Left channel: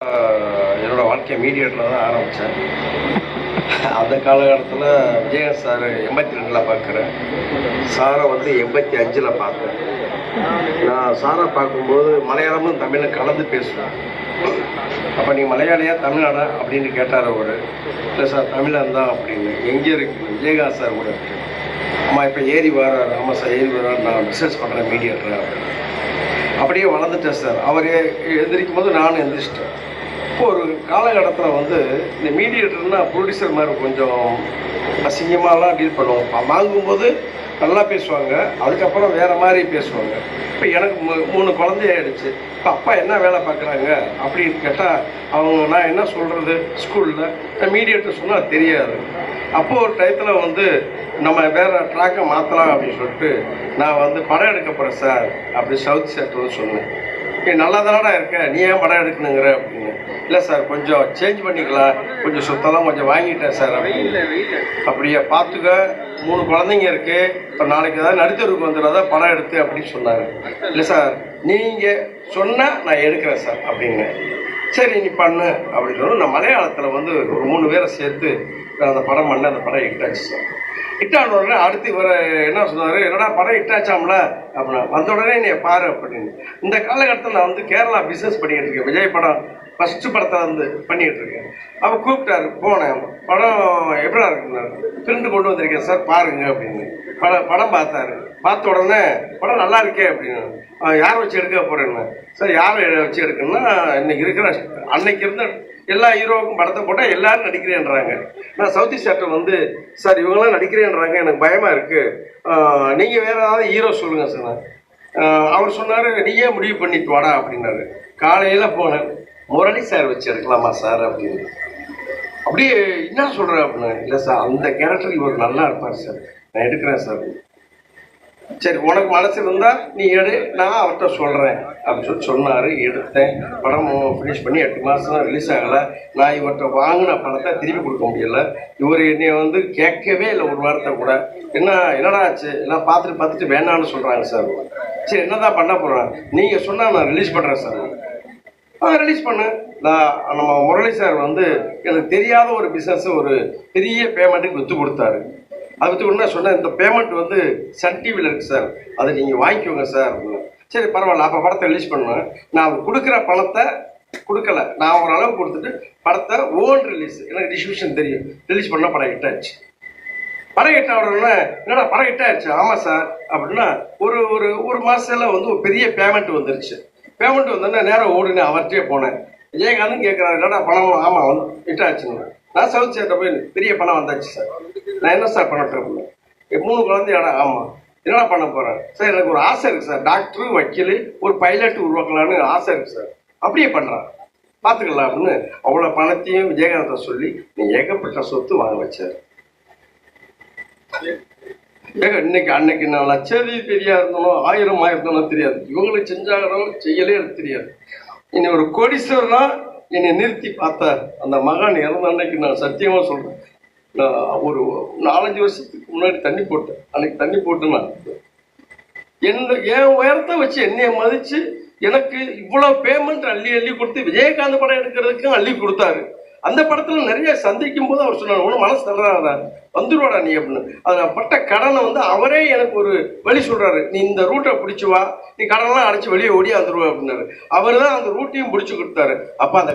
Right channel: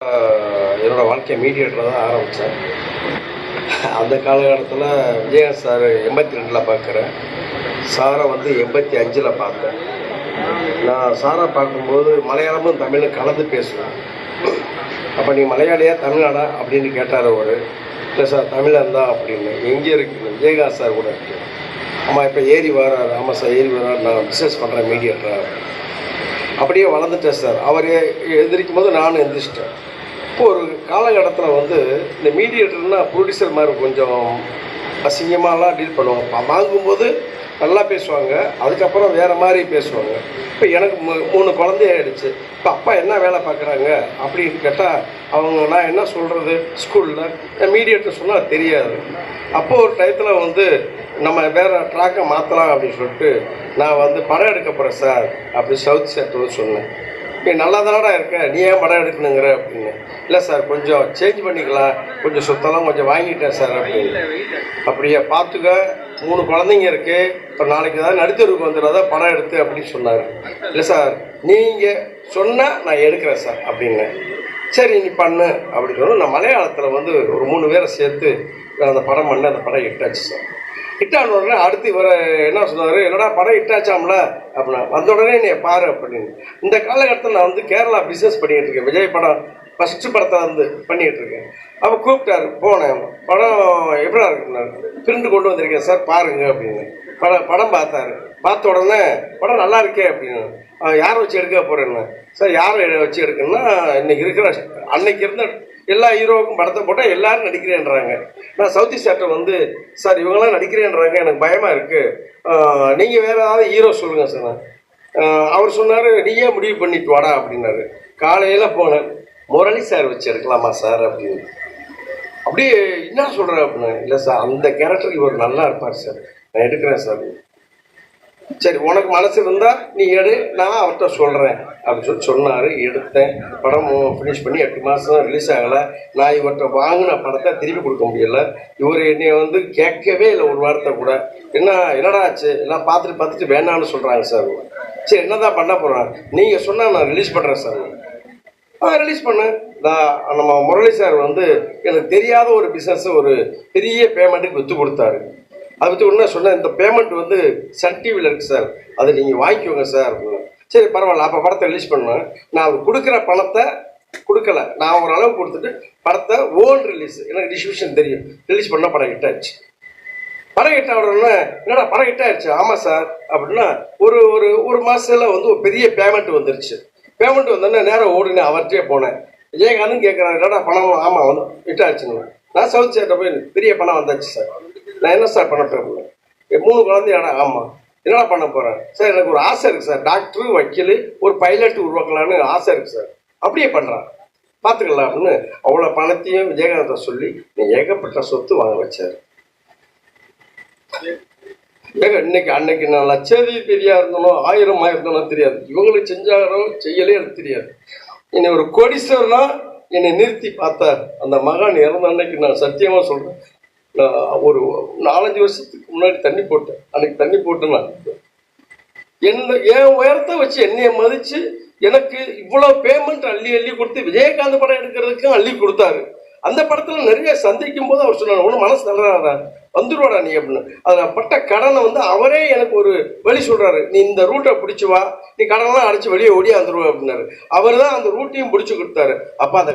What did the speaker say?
என்னோட வாழ்க்கையை மீடியேட்டராக தான் ஆரம்பித்தேன். அந்த காலகட்டத்தில் விஜயகாந்த் சார் 82ல் பார்க்குறேன், சாரை வந்து 85ல் பார்த்தேன். நான் சாரை பார்க்கும்போது மலையாளமும் தமிழும் கலந்து பேசுவேன். அப்போ நீ மலையாளியா தமிழ்நாடா அப்படின்னு கேட்டார் அவர். இல்லை சார் தமிழன் தான் அப்படின்னு. எங்கே இருக்கு? விஜயகாந்த் சார் கூட இருக்கு. ஆமாம் இப்போ ஏறி வரார். ஆமாம் சார் ஏறி வரார், நான் பிஸ்னஸ் பண்ணுறேன் மீடியேட்டராக. அப்படியே வளர்ந்துட்டேன் சார். அவர் எந்திரிக்கும் போது நானும் எந்திரிச்சிட்டேன். இப்போ ஒரு காலகட்டத்தில் வந்து இந்த மீடியேட்டர்னா ப்ரொடியூசர் மாதிரி கொஞ்சம் அசிங்கமாலாம் டீல் பண்ணுவாங்க. வாங்கும்போது நல்லா பேசுவாங்க, அதுக்கப்புறம் வேறு மாதிரி பேசுவாங்க. இப்போ எனக்கு 3 குழந்தையாயிடுச்சு. இப்போ அப்பா என்ன வேலை பார்க்குறாங்க அப்படின்னு கேட்டால் அவங்க நான் என்ன சொல்கிறது, ஸ்கூலில் மீடியேட்டர் சொன்னால் தெரியாது. அப்போது ஒரு டயத்தில் வந்து நம்ம வேறு ட்ராக்கை மாற்றலாம் அப்படின்னு சொல்லிட்டு நான் வந்து படம் எடுக்க போகிறேன் சார் அப்படி சவுத் சேட்டர் சொன்னேன். நீ நல்லா தானடா இருக்க, நீ ஏன் படம் எடுக்கணுங்கிற அப்படின்னு. இல்லை சார் கொஞ்சம் சேஞ்ச் பண்ணிக்கலாம், கொஞ்சம் சொத்தெல்லாம் கொஞ்சம் வாங்கிட்டேன் சார் அப்படின்னு. அப்படியே பார்த்துக்க, 3 குழந்தைங்க இருக்குது, இப்போ நாளைக்கு ஏதாவது நடுத்தருக்கு வந்துடாத படம் எடுத்து அப்படின்னு சொன்னார். இல்லை சார் நீங்கள் சொன்னால் நான் எடுக்கிறேன் சார் அப்படின்னு. சரி நீ பண்ணு அப்படின்னு சொன்னால் நான் மலையாளத்தில் வந்து ஒரு 3 பேரை சேர்த்து அந்த படம் பண்ண அந்த படம் ஹிட்டாச்சு சார். ஹிட்டான உடனே அடுத்து இவரை என்ன சொன்னார், என்னடா படம் ஹிட்டாச்சாம்ல அப்படின்னா, வந்த உடனே நீ பாரு அப்படின்னு. இந்த காலகட்டத்தில் நான் வந்து கேரளா பிஸ்னஸ் பண்ணிகிட்டு இருக்கேன். விஜய் படம் ஃபஸ்ட்டு படத்தை வந்து பண்ணிகிட்டு இருக்கேன். அப்போ கூப்பிட்டாரு, போனேன். படம் எப்படா இருக்குன்னாரு, பிரிண்டு கொண்டு வந்திருக்கேன் சார் பாருங்க அப்படின்னு. படம் பார்த்தாரு. பார்த்த உடனே படம் நல்லா இருக்கே அப்படின்னு. யாரை வச்சு எடுக்க போகிறேன்னு. சார் யாரை வச்சு எடுக்கணும்னா இன்னைக்கு இருக்கிற அன்னைக்கு இருந்த எல்லா ஹீரோவுக்கும் படத்தை போட்டால் எல்லாரும் நடிக்கிறேன்றாங்க. நான் சவுத் சேட்டர் வந்து சார் இவங்களாம் நடிக்கிறேன்றாங்க, எனக்கு பயமாக இருக்குது, நீங்கள் வேறு ஏதாவது ஹீரோ சொல்லுங்கள் சார். அவர் சொன்னார், நீயே முடிவு பண்ணிட்டு வாடா அப்படின்னாரு. காலையில் போனேன், முரளி சார் வச்சு எடுக்கலாமா சார் அப்படின்னு. அப்படியே என்ன சொல்கிறேன் அப்படின்னு. இல்லை சார் அந்த கேரக்டர் இவர் நல்லா இருப்பார் சார், நான் எடுக்கிறேன் சார். சரி உனக்கு மனசு இருந்தால் நீ எடு, நான் அவர்கிட்ட சொல்கிறேன் அப்படின்னு சொல்லி சொன்னார். எடுத்தேன். படம் ஃபினிஷ் பண்ணி 8 மாதம் தான் ரிலீஸ் ஆகலை. நான் இவர்கிட்ட வாங்கின படத்தை திருப்பி கொடுக்க முடியலை. இவர் என்னை வந்து கேட்கவே இல்லை ஒரு வாரத்தை கூட. என்னடா ஆச்சு, எல்லாம் பார்த்துட்டு வேணான்னு சொல்கிறாங்க சார். சரி என்ன தான் பண்ண போகிறேன், நீங்கள் சொன்னால் நான் ரிலீஸ் பண்ணுறேன் சார். ரிலீஸ் பண்ணேன். நம்ம முரளி சார் வந்து எனக்கு தெரியாத ஒரு பிஸ்னஸ் ஒரு பெரிய பேமெண்ட்டுக்கு விற்று கொடுத்தாரு. அது விற்று கொடுத்தா சொன்னேன், இந்த பேமெண்ட் வந்து சன் டிவியில் இருக்குது சார், அதை நீங்கள் வாங்கிக்கோங்க சார் அப்படின்னு. சரி பரவாயில்ல, அப்போ படத்தை ரிலீஸ் பண்ணுவேன். நான் கொடுக்குற பணத்தை கொடுக்கல, நான் ஒரு அளவு கொடுத்துட்டு படத்தை ஓன் ரிலீஸ், எனக்கு டிஸ்ட்ரிபியூஷன் தெரியும், ரிலீஸ் பண்ணால் படம் ஹிட் ஆயிடுச்சு. படம் ஹிட் ஆகணும்னா என்னடா படம் ஹிட் ஆயிடுச்சு, ஆமாம் சார் அப்படின்னா ஒரு மாதத்தில் வந்து ஒரு பெரிய பேமெண்ட் வந்துருச்சு. பேமெண்ட் வந்தோடனே நேரம் ஓடுனே அவர்கிட்டே போனேன். விஜயகாந்தும் கேட்குறாரு, என்னடா பணம், ஆமாம் வந்து ஹிட் ஆயிடுச்சுன்னு. நான் சவுத் சேட்டை போய் பெரிய பணம் வந்தாச்சு சார், நான் என்ன சார் பண்ணட்டும். 3 குழந்தையாடா, ஆமாம் என்னடா பண்ண போகிறேன் சார், எனக்கு ஒரு ஆசை இருக்குது சார், டாக்டரு வக்கீல் ஒரு பைலட் உருவாக்கலான்னு ஆசை இருக்குது சார், அப்படியே பண்ணுறான் பார்த்துக்கலாம் அப்படின்னு. அவ்வளோ பணத்தையும் விஜயகாந்தை சொல்லி நீ ஏகப்பட்ட சொத்து வாங்க வச்சார். இன்னைக்கு அன்னைக்கு நான் லட்சாதிபதியா இருந்தனும் 1000 ஆயிருந்தனும் தெரியாது, இவங்களுக்கு செஞ்சாலும் செய்யலே எனக்கு தெரியாது. என்னை ஒரு கோடீஸ்வரனா என்னை நிறுத்தி பார்த்தார் அந்த மகான். இறந்த அன்னைக்கு நான் சத்தியமா சொல்றேன், நான் ஒரு 4-5 வருஷத்துக்கு முன்னாடி தண்ணி போட்டேன். அன்னைக்கு தண்ணி போட்டு நான் என் உயரத்தை வச்சு என்னைய மதிச்சு எனக்கு இவ்வளவு பேமெண்ட் அள்ளி கொடுத்து விஜயகாந்த் படம் எடுக்கிறதுக்கும் அள்ளி கொடுத்தாரு. அந்த படத்துல நிறைய சந்திக்கும் போது அவர் சொன்னார், உன மனசு தள்ளுறாரா, வந்துருவாடா நீ அப்படின்னு. அதில் பட்ட கடனை வந்து அவரே எனக்கு ஒரு வழி சொல்றாரு, நீ இந்த ரூட்டை பிடிச்சி வா, நீ கடனெல்லாம் அடைச்சி வெளியே ஓடியா வந்துருவா அப்படின்னாரு. அவர் தான் அந்த ரூட்டையும் பிடிச்சி கொடுத்தாரு. அப்போ அந்த